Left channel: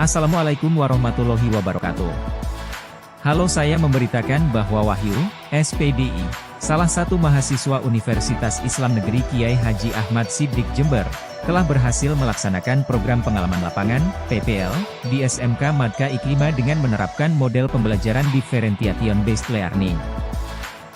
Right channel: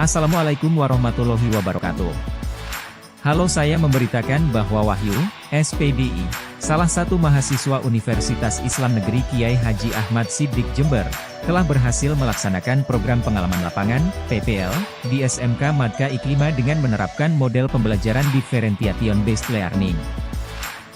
Assalamualaikum warahmatullahi wabarakatuh. Halo, saya memberitakan bahwa Wahyu, SPDI, salah satu mahasiswa Universitas Islam Negeri Kiai Haji Ahmad Siddiq Jember, telah berhasil melaksanakan program pengalaman lapangan, PPL, di SMK Madka Iklima dengan menerapkan model pembelajaran differentiation based learning.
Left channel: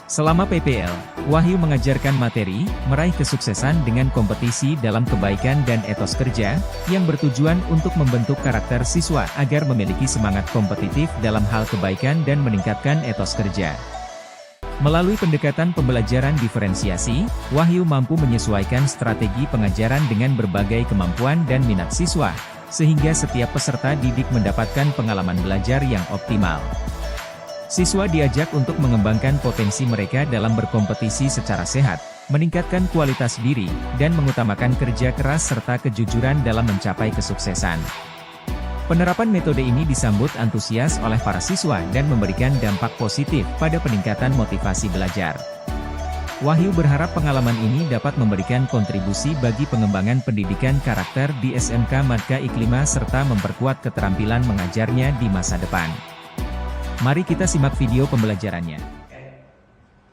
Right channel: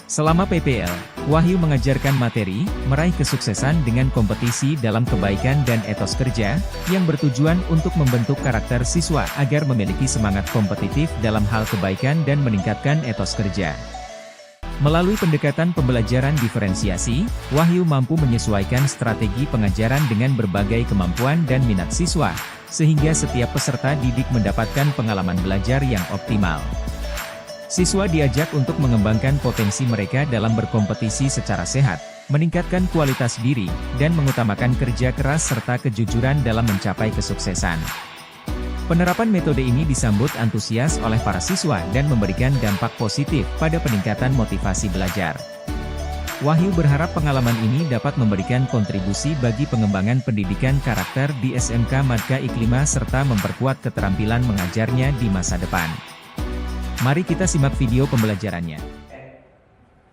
Selama PPL, Wahyu mengajarkan materi, meraih kesuksesan dengan kompetisi dalam kebaikan dan etos kerja, yang bertujuan untuk membentuk karakter siswa agar memiliki semangat kompetitif dalam hal kebaikan dan meningkatkan etos kerja. Melalui pendekatan pembelajaran diferensiasi, Wahyu mampu menyesuaikan strategi pengajaran dengan berbagai kemampuan dan minat siswa, sehingga setiap peserta didik mendapatkan pengalaman belajar yang optimal. Siswa diajak untuk mengembangkan potensi mereka dalam berkompetisi secara sehat, meningkatkan kualitas diri, dan mengutamakan kerja keras serta kejujuran dalam mencapai kesuksesan. Penerapan metode ini disambut antusias oleh para siswa dan memberikan dampak positif pada peningkatan motivasi belajar. Wahyu berharap pengalaman ini dapat memberikan kontribusi bagi pengembangan pendidikan karakter di SMK Madka Iklima serta memperkuat keterampilan mengajarnya di masa depan. Mari kita simak video pembelajarannya.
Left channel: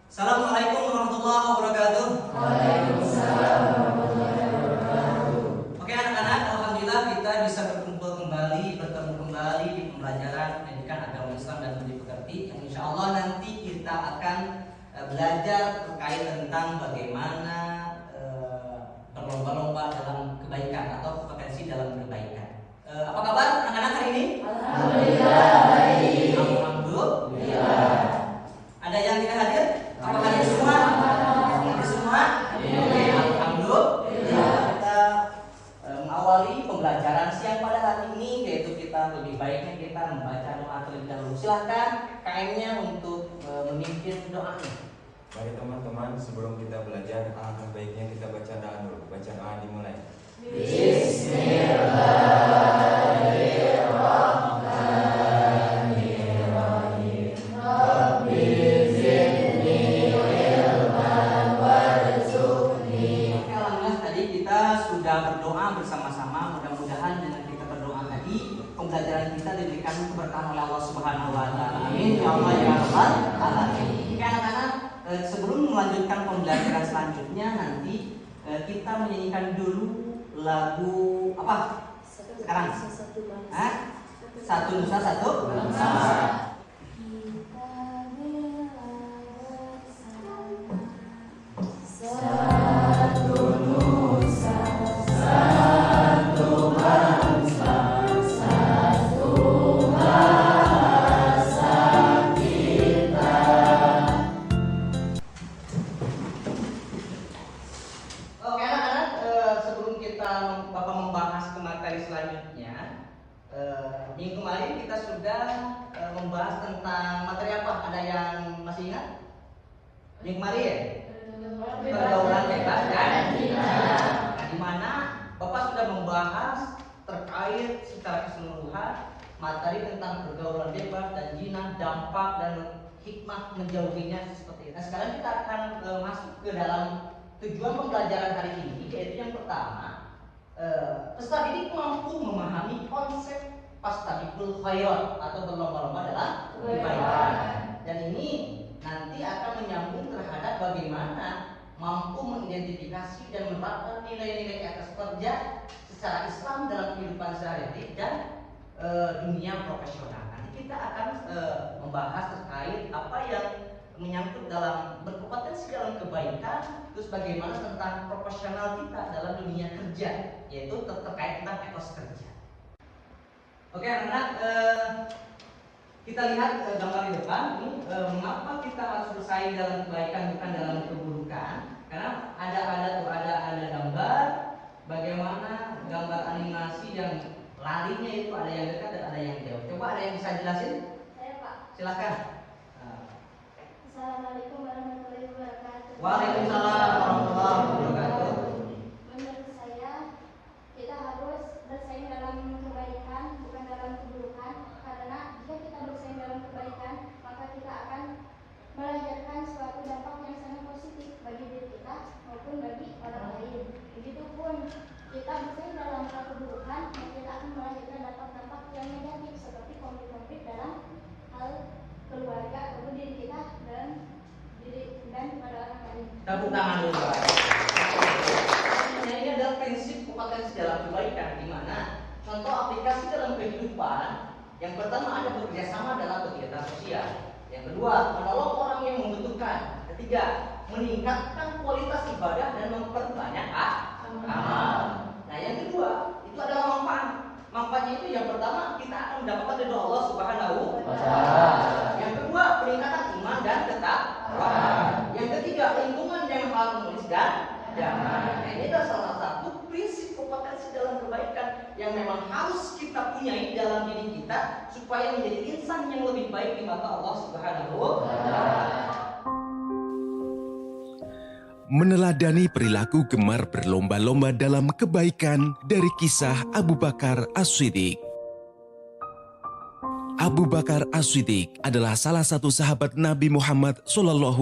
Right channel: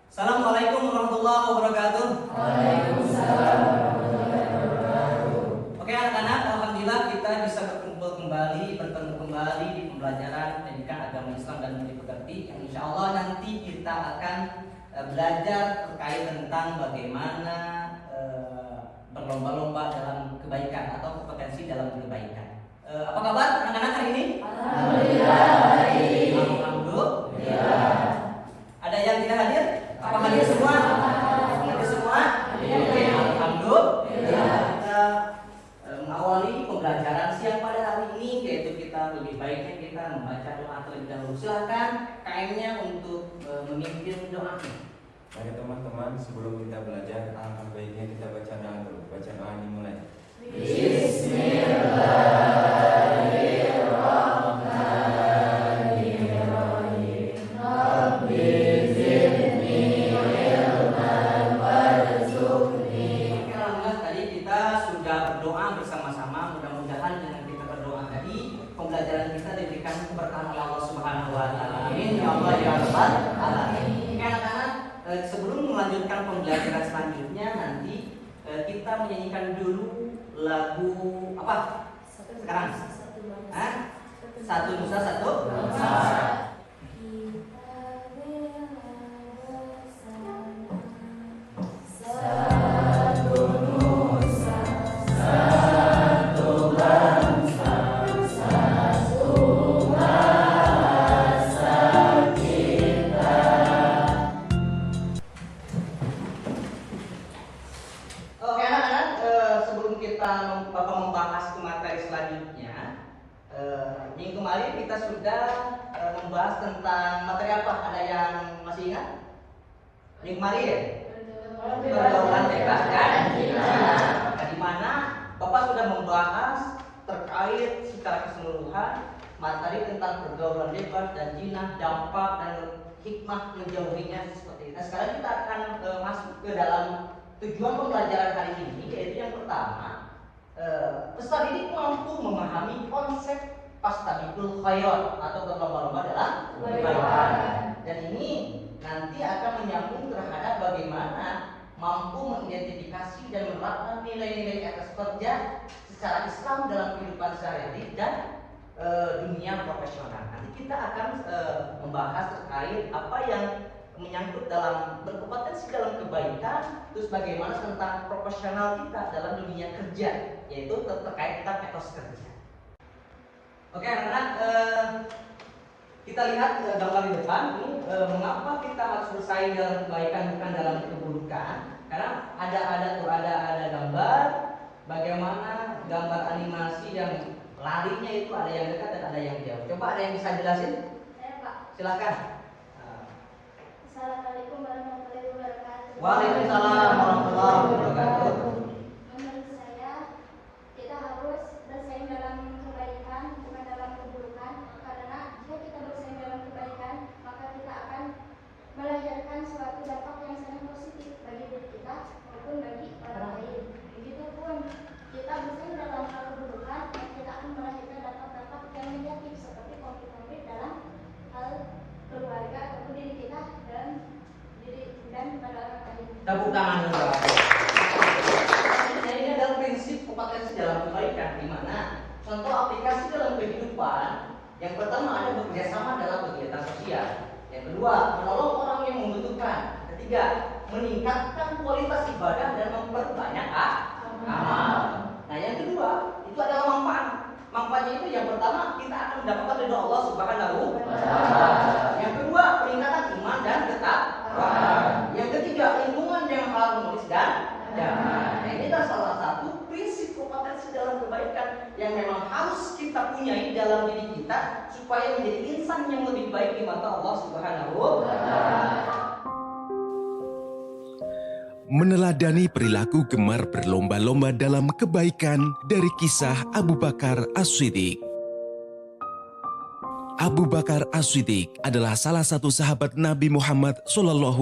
Assalamualaikum warahmatullahi wabarakatuh. Waalaikumsalam. Oke anak-anak, alhamdulillah kita bisa berkumpul kembali, bertemu kembali di pembelajaran pendidikan agama Islam dan budi pekerti. Yang insya Allah nanti kita akan belajar terkait tentang bagaimana berlomba-lomba dalam kebaikan atau potensi dalam kebaikan. Apa kabar anak-anak hari ini? Alhamdulillah baik. Alhamdulillah. Ada yang tidak hadir? Apa hadir semua? Hadir semua? Oke, alhamdulillah. Kita mengawali pembelajaran siang pada hari ini, yaitu kita lebih baiknya kita membaca doa terlebih dahulu. Silakan KM-nya untuk memimpin doanya. Mari teman-teman, sebelum kita belajar, alangkah baiknya kita baca doa dulu. Baca doa dimulai. Pembelajaran kita diberikan keberkahan oleh Allah Subhanahu wa taala. Amin ya Allah ya Allah. Amin. Anak-anak, sebelum melanjutkan pembelajaran selanjutnya nanti kita menyanyikan dulu lagu apa? Sekarang. Satu Nusa Satu Bangsa. Minggu kemarin kita sudah membahas tentang materi apa? Ada yang masih ingat? Minggu kemarin ya? Pergaulan bebas kan? Nah, di mana Bapak sudah membahas terkait secara keseluruhan materi tentang pergaulan bebas dan zina, dampak dan hikmah menjauhinya seperti itu. Nah, sekarang kita akan masuk ke dalam tujuan pembelajaran hari ini, yaitu yang pertama, peserta didik mampu memahami konsep fastabiqul khairat atau berlomba-lomba dalam kebaikan. Dan ini nanti akan menyambung terhadap bagaimana mampu mengidentifikasi dan menerapkan nilai-nilai etos kerja secara Islam dalam kehidupan sehari-hari dan dunia profesional. Nanti kita akan membahas terkait apa yang menyangkut dalam berkompetensi dalam kebaikan, terus bagaimana tentang profesional kita dalam dunia kerja, yaitu terkait tentang etos kerja. Oke anak-anak, kita lihat gambar di depan ini, mengapa kita harus bersaing dalam kebaikan bukan dalam keburukan? Karena ada gambar bagaimana gambar animasi yang larinya itu ada yang dekat dan ada yang jauh. Coba ada yang bisa jelasin? Saya Pak. Silahkan. Assalamualaikum warahmatullahi wabarakatuh. Waalaikumsalam warahmatullahi wabarakatuh. Menurut saya, kita harus bersaing dalam kebaikan bukan dalam keburukan. Karena jika kita bersaing dalam kebaikan, maka kita akan melahirkan suatu dampak yang sangat positif bagi diri kita maupun bagi orang lain. Begitupun kita bersaing dalam keburukan, maka kita akan melahirkan dampak-dampak yang negatif seperti konflik-konflik dalam hal keluarga ataupun diri kita dan pada orang lain. Tepuk tangan dulu Pak. Ini adalah prinsip kompetensi dalam kebaikan, di mana contoh aplikasi dalam kehidupan. Yang pertama ada bekerja sama dalam kegiatan sosial. Yang kedua, menolong orang yang membutuhkan. Ketiga, meningkatkan kualitas ibadah dan memperbanyak amal. Nah, yang kedua itu adalah manfaat. Manfaatnya itu yang pertama kita akan mendapatkan ridho Allah Subhanahu wa taala. Yang kedua, peningkatan iman dan ketakwaan. Yang ketiga, lingkungan yang harmonis dan damai. Nah, ini adalah salah satu prinsip kompetensi dalam kebaikan yang memang harus kita punyai dalam diri kita supaya menjadi insan yang lebih baik di mata Allah Subhanahu wa taala. Meneladani perilaku gemar berlomba-lomba dalam kebaikan dari kisah Abu Bakar As-Siddiq. Abu Bakar As-Siddiq adalah salah satu sahabat Nabi Muhammad SAW.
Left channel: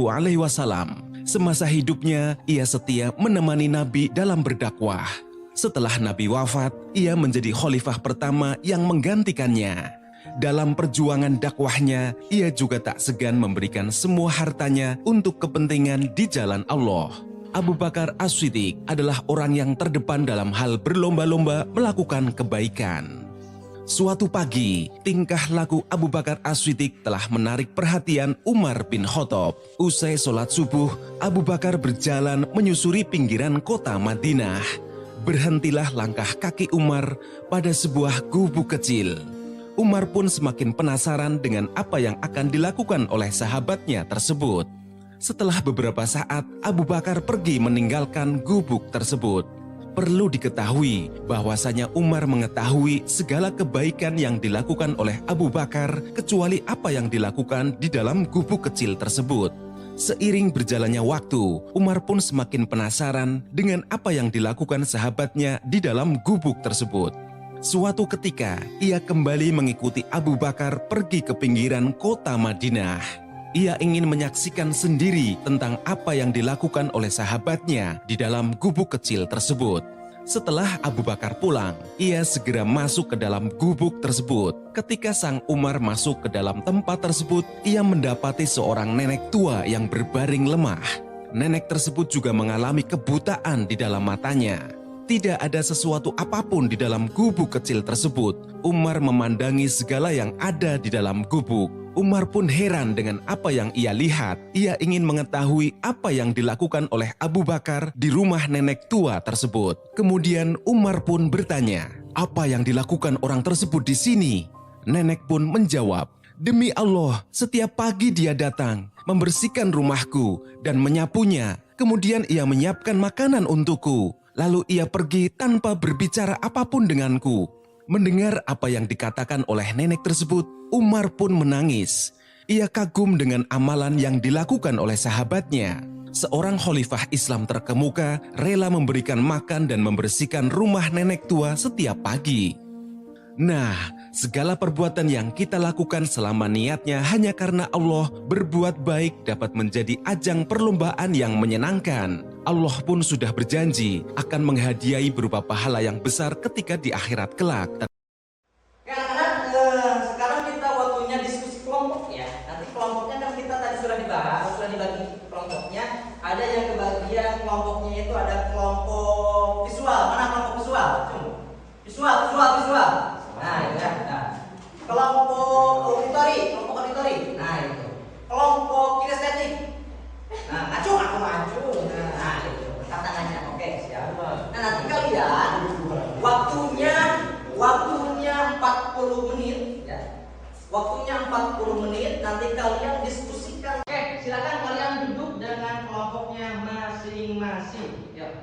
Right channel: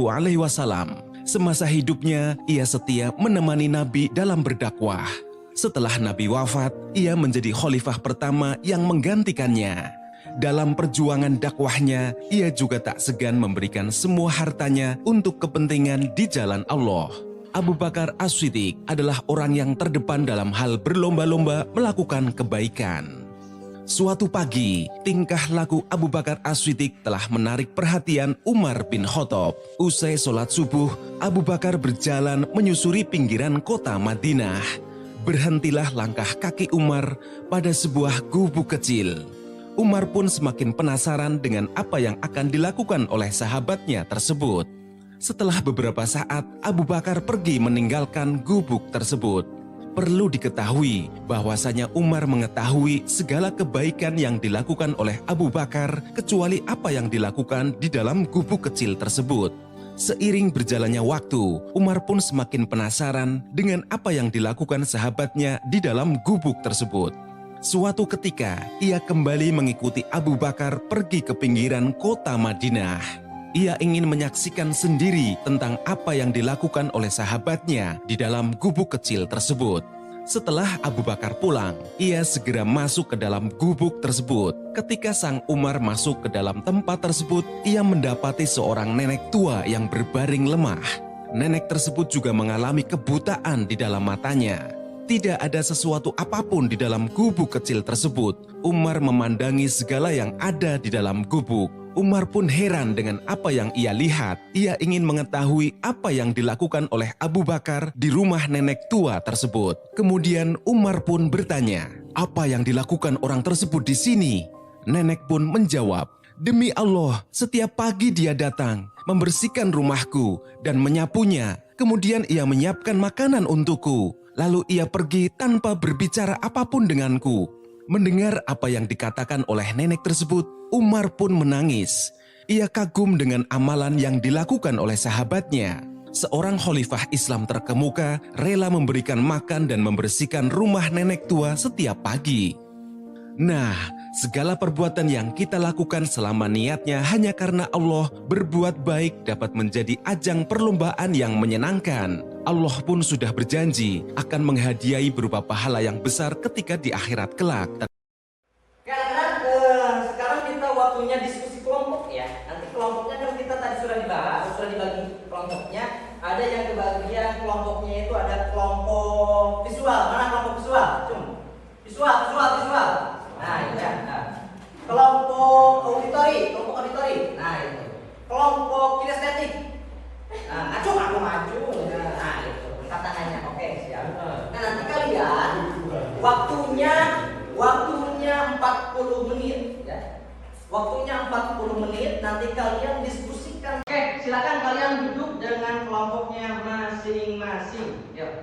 Semasa hidupnya, ia setia menemani Nabi dalam berdakwah. Setelah Nabi wafat, ia menjadi khalifah pertama yang menggantikannya. Dalam perjuangan dakwahnya, ia juga tak segan memberikan semua hartanya untuk kepentingan di jalan Allah. Abu Bakar As-Siddiq adalah orang yang terdepan dalam hal berlomba-lomba melakukan kebaikan. Suatu pagi, tingkah laku Abu Bakar As-Siddiq telah menarik perhatian Umar bin Khattab. Usai sholat subuh, Abu Bakar berjalan menyusuri pinggiran kota Madinah. Berhentilah langkah kaki Umar pada sebuah gubuk kecil. Umar pun semakin penasaran dengan apa yang akan dilakukan oleh sahabatnya tersebut. Setelah beberapa saat, Abu Bakar pergi meninggalkan gubuk tersebut. Perlu diketahui bahwasanya Umar mengetahui segala kebaikan yang dilakukan oleh Abu Bakar kecuali apa yang dilakukan di dalam gubuk kecil tersebut. Seiring berjalannya waktu, Umar pun semakin penasaran dengan apa yang dilakukan sahabatnya di dalam gubuk tersebut. Suatu ketika, ia kembali mengikuti Abu Bakar pergi ke pinggiran kota Madinah. Ia ingin menyaksikan sendiri tentang apa yang dilakukan oleh sahabatnya di dalam gubuk kecil tersebut. Setelah Abu Bakar pulang, ia segera masuk ke dalam gubuk tersebut. Ketika sang Umar masuk ke dalam tempat tersebut, ia mendapati seorang nenek tua yang berbaring lemah. Nenek tersebut juga mengalami kebutaan di dalam matanya. Tidak ada sesuatu apapun di dalam gubuk kecil tersebut. Umar memandangi segala yang ada di dalam gubuk. Umar pun heran dengan apa yang ia lihat. Ia ingin mengetahui apa yang dilakukan oleh Abu Bakar di rumah nenek tua tersebut. Kemudian Umar pun bertanya, apa yang dilakukan orang tersebut di sini? Nenek pun menjawab, demi Allah, setiap pagi dia datang, membersihkan rumahku dan menyapunya. Kemudian ia menyiapkan makanan untukku. Lalu ia pergi tanpa berbicara apapun denganku. Mendengar apa yang dikatakan oleh nenek tersebut, Umar pun menangis. Ia kagum dengan amalan yang dilakukan oleh sahabatnya. Seorang khalifah Islam terkemuka rela memberikan makan dan membersihkan rumah nenek tua setiap pagi. Nah, segala perbuatan yang kita lakukan selama niatnya hanya karena Allah, berbuat baik dapat menjadi ajang perlombaan yang menyenangkan. Allah pun sudah berjanji akan menghadiahi berupa pahala yang besar ketika di akhirat kelak. Anak-anak, sekarang kita waktunya diskusi kelompok ya. Nanti kelompoknya kan kita tadi sudah dibahas, sudah dibagi kelompoknya. Ada yang kebagian kelompoknya itu ada kelompok visual. Mana kelompok visual? Visual. Nah, itu ya. Nah. Kelompok auditori. Nah, itu. Kelompok kinestetik. Nah, maju. Nah, itu. Tangannya. Oke, siap. Nah, nanti kalian waktunya 40 menit ya. Waktunya 40 menit, nanti kalian diskusikan. Oke, silakan kalian duduk dengan kelompoknya masing-masing. Yuk.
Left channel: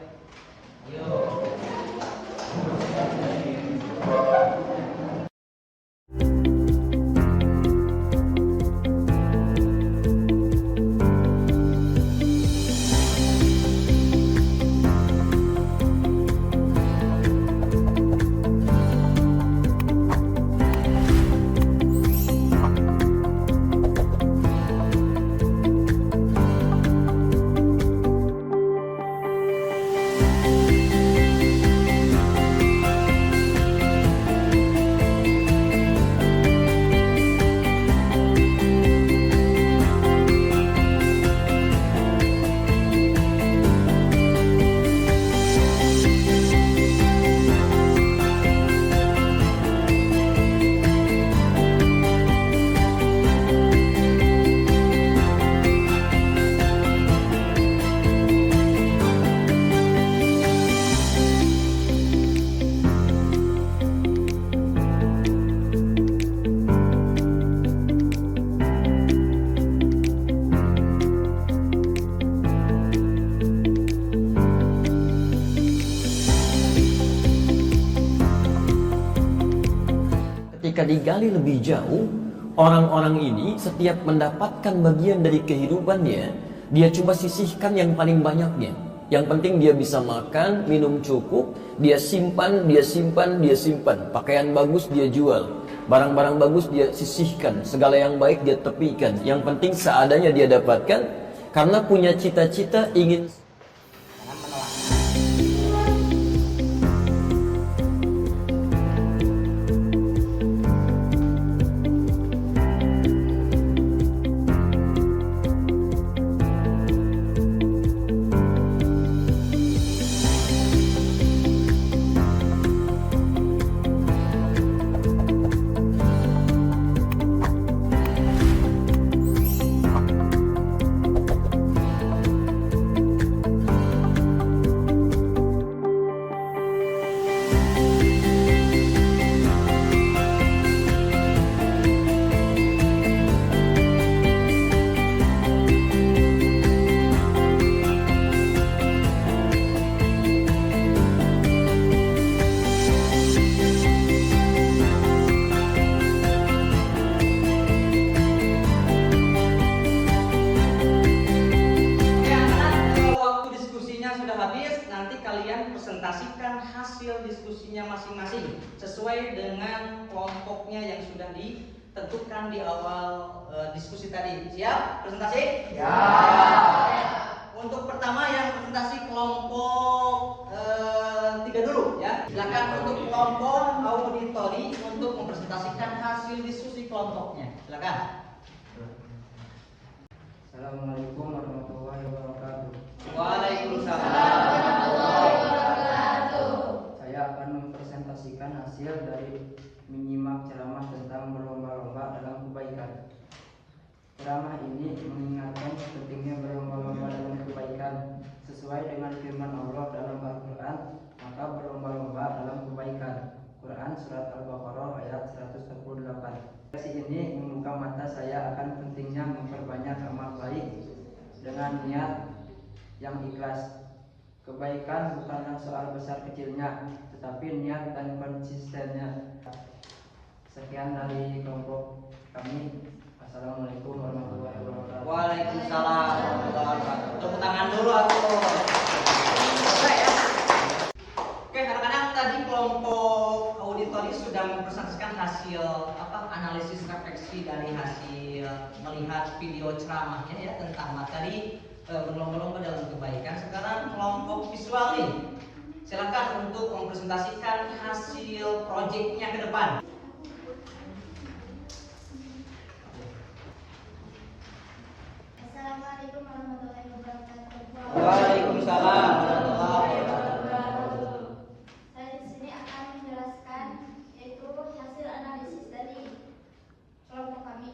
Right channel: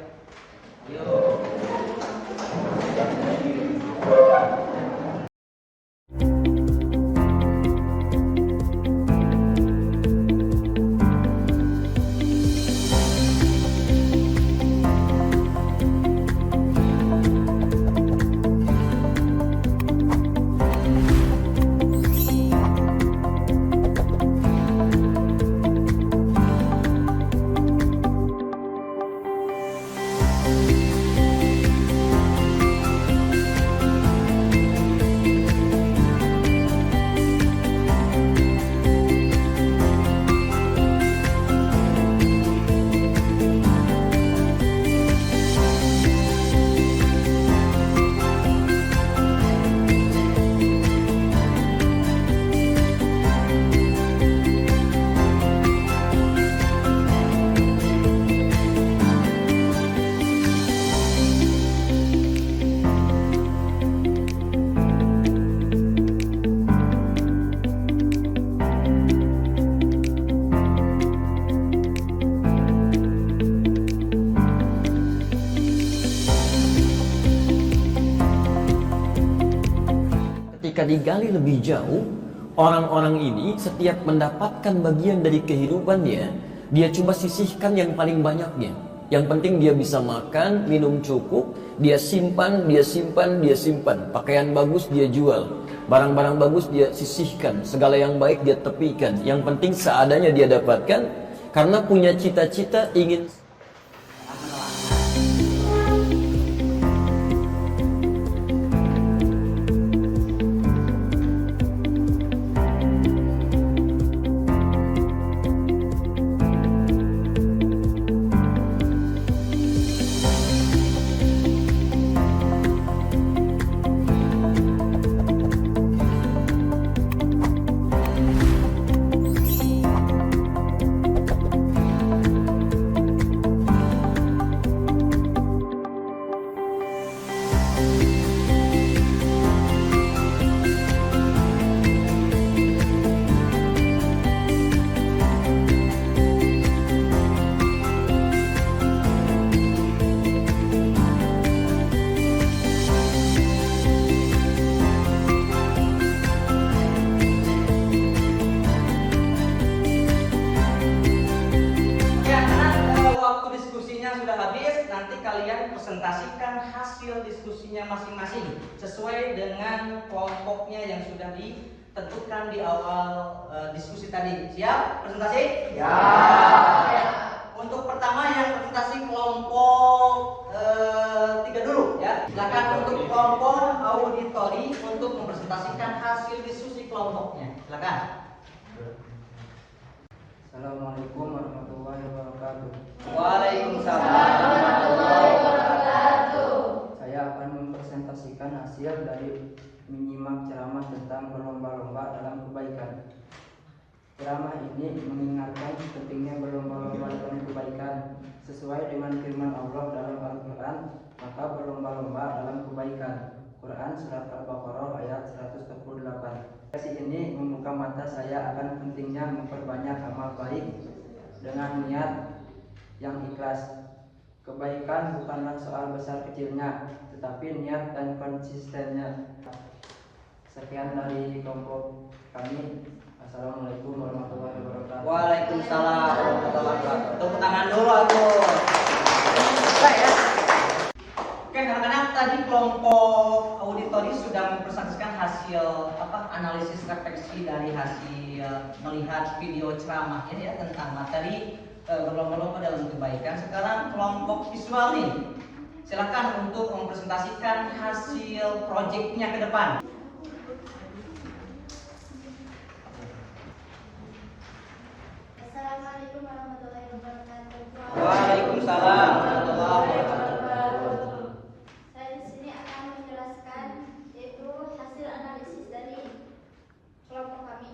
jika digali lebih jauh, orang-orang ini setiap mendapatkan bagian dari kehidupannya, dia coba sisihkan yang paling banyaknya. Yang penting dia bisa makan, minum cukup, dia simpan, dia simpan, dia simpan. Pakaian bagus dia jual, barang-barang bagus dia sisihkan, segala yang baik dia tepikan. Yang penting seadanya dia dapatkan, karena punya cita-cita ingin. presentasikan hasil diskusinya masing-masing sesuai dengan kelompoknya yang sudah ditentukan di awal diskusi tadi. Siap? Presentasi? Siap. Untuk pertama yang presentasi kelompok 3 dulu ya. Silakan untuk kelompok auditori untuk mempresentasikan hasil diskusi kelompoknya. Silakan. Assalamualaikum warahmatullahi wabarakatuh. Waalaikumsalam. Saya akan mempresentasikan hasil dari menyimak ceramah tentang berlomba-lomba dalam kebaikan. Ceramah ini mengingatkan pentingnya berlomba-lomba dalam kebaikan. Sesuai dengan firman Allah dalam Al-Quran, maka berlomba-lomba dalam kebaikan. Quran Surat Al-Baqarah ayat 148. Sesi ini membuka mata saya akan pentingnya memperbanyak amal baik dengan niat yang ikhlas. Kebaikan bukanlah soal besar kecilnya, tetapi niat dan konsistennya. Sekian dari kelompok kami. Assalamualaikum warahmatullahi wabarakatuh. Waalaikumsalam warahmatullahi wabarakatuh. Tepuk tangan dulu atuh. Oke, kadang-kadang tadi kelompok auditori sudah mempresentasikan hasil analisis refleksi dari hasil melihat video ceramahnya ya tentang materi berlomba-lomba dalam kebaikan. Sekarang kelompok visual nih, silakan untuk mempresentasikan hasil proyeknya ke depan. Assalamualaikum warahmatullahi wabarakatuh. Waalaikumsalam warahmatullahi wabarakatuh. Saya di sini akan menjelaskan yaitu hasil analisis dari kelompok kami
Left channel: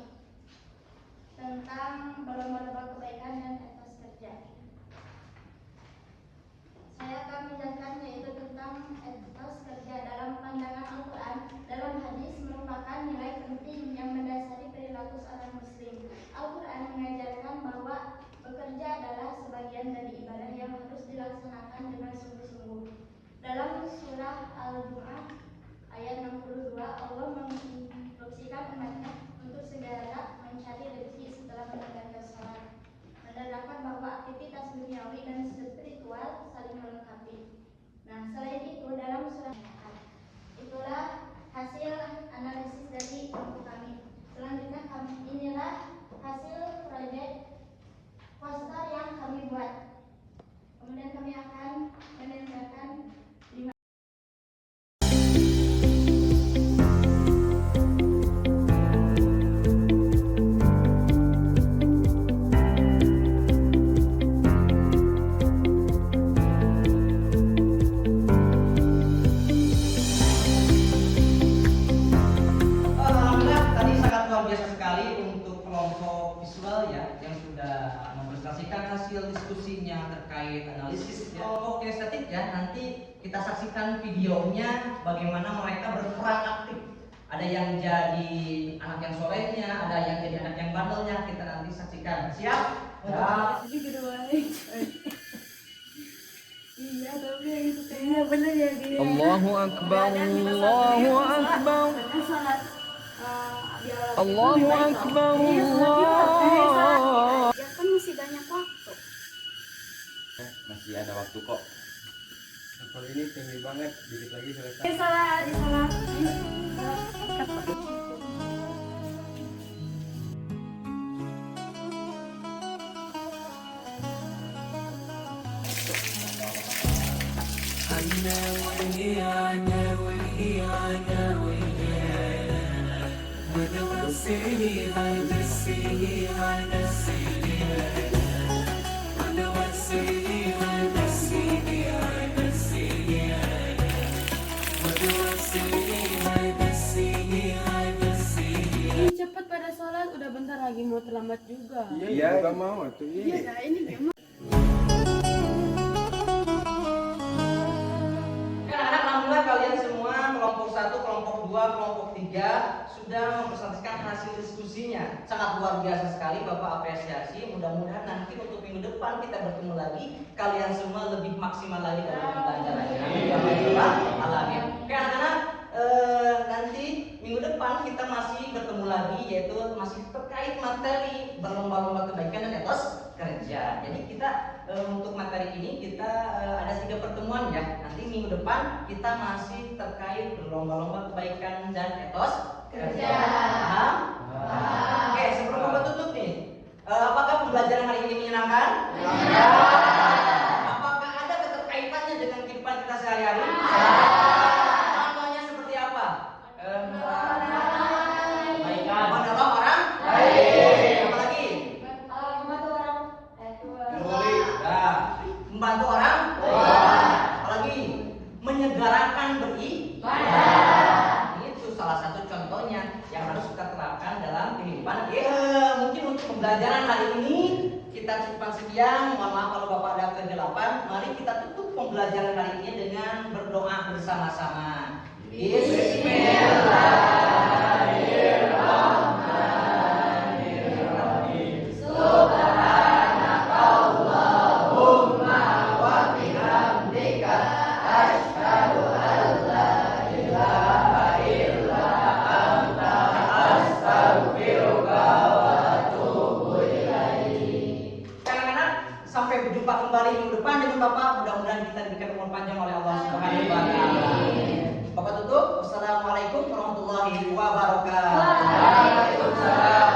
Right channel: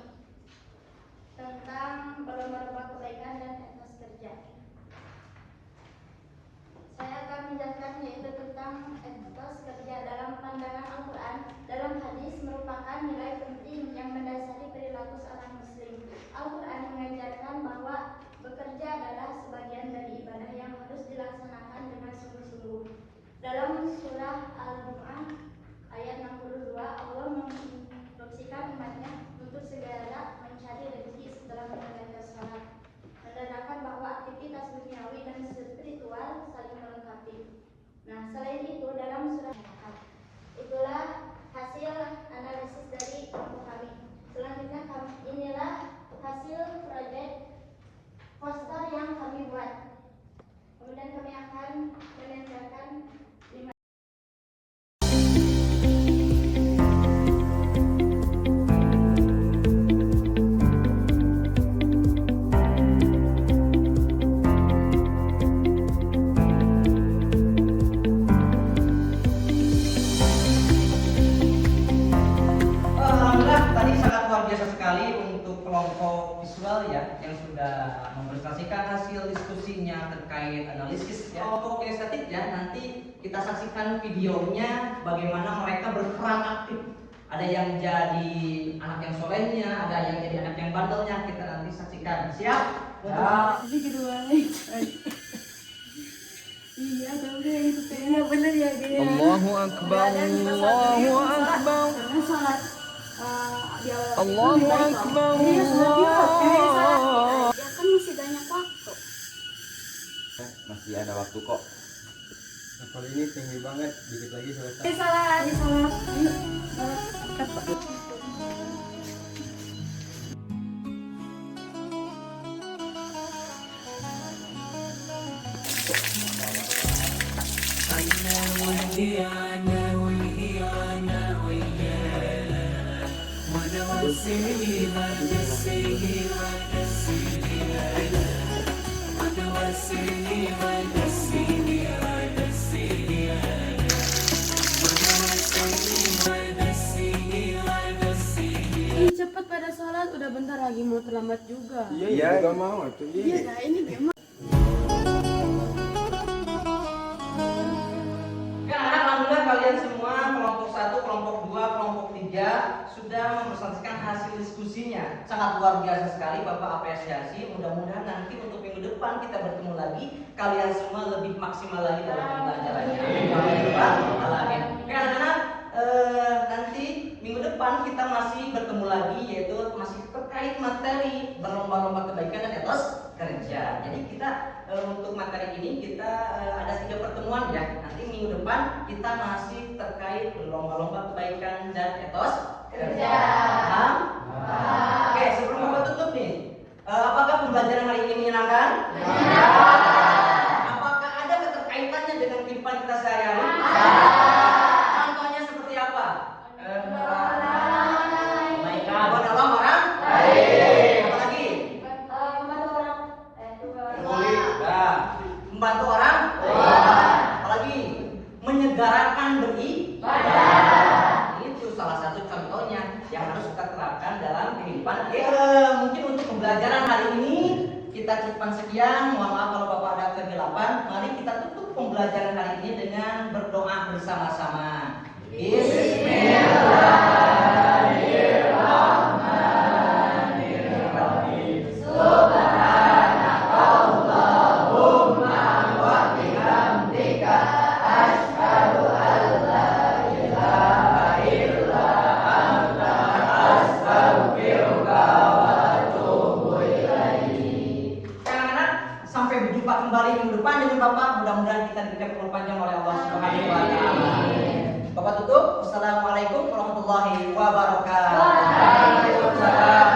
tentang berlomba-lomba kebaikan dan etos kerja. Saya akan menjelaskan yaitu tentang etos kerja dalam pandangan Al-Quran. Dalam hadis merupakan nilai penting yang mendasari perilaku seorang muslim. Al-Quran mengajarkan bahwa bekerja adalah sebagian dari ibadah yang harus dilaksanakan dengan sungguh-sungguh. Dalam surah Al-Jumu'ah ayat 62, Allah menginstruksikan umatnya untuk segera mencari rezeki setelah menjalankan sholat, menerangkan bahwa aktivitas duniawi dan spiritual saling melengkapi. Nah, selain itu dalam surah itulah hasil analisis dari kelompok kami. Selanjutnya inilah hasil proyek poster yang kami buat. Kemudian kami akan menempelkan 5. Yang sudah mempresentasikan hasil diskusinya terkait analisis ya. Kelompok estetik ya, nanti kita saksikan videonya bagaimana mereka berperan aktif. Ada yang jadi anak yang solehnya, ada yang jadi anak yang bandelnya. Kita nanti saksikan. Siap? Jadi kedua. Iya, tapi iya benar ya dia. Allahu Akbar, Allahu Akbar. Sholat Allahu Akbar, Allah. Ya kan masih banyak waktu. Masih ada waktu kok. Hafal ini tinggi banget, dikit lagi selesai. Salah. Ih, cepat pada sholat, udah bentar lagi mau terlambat juga. Iya, juga mau tuh. Iya, nah ini gimana? Alhamdulillah kalian semua kelompok 1, kelompok 2, kelompok 3 sudah mempresentasikan hasil diskusinya. Sangat luar biasa sekali, Bapak apresiasi. Mudah-mudahan nanti untuk minggu depan kita bertemu lagi, kalian semua lebih maksimal lagi dalam pembelajarannya. Amin. Oke anak-anak, nanti minggu depan kita masih bertemu lagi, yaitu masih terkait materi berlomba-lomba kebaikan dan etos kerja. Jadi kita untuk materi ini kita ada 3 pertemuan ya. Nanti minggu depan kita masih terkait berlomba-lomba kebaikan dan etos kerja. Paham? Oke, sebelum Bapak tutup nih, apakah pembelajaran hari ini menyenangkan? Ya. Apakah ada keterkaitannya dengan kehidupan kita sehari-hari? Contohnya seperti apa? Kebaikan orang baik. Apa lagi? Membantu orang. Apalagi menyegarakan beribadah. Itu salah satu contohnya yang harus kita terapkan dalam kehidupan. Mungkin untuk pembelajaran hari ini kita cukupkan sekian. Mohon maaf kalau Bapak ada kegelapan. Mari kita tutup pembelajaran hari ini dengan berdoa bersama-sama. Sampai berjumpa kembali minggu depan dengan Bapak. Mudah-mudahan kita diberikan umur panjang oleh Allah Subhanahu wa taala. Bapak tutup. Wassalamualaikum warahmatullahi wabarakatuh. Waalaikumsalam.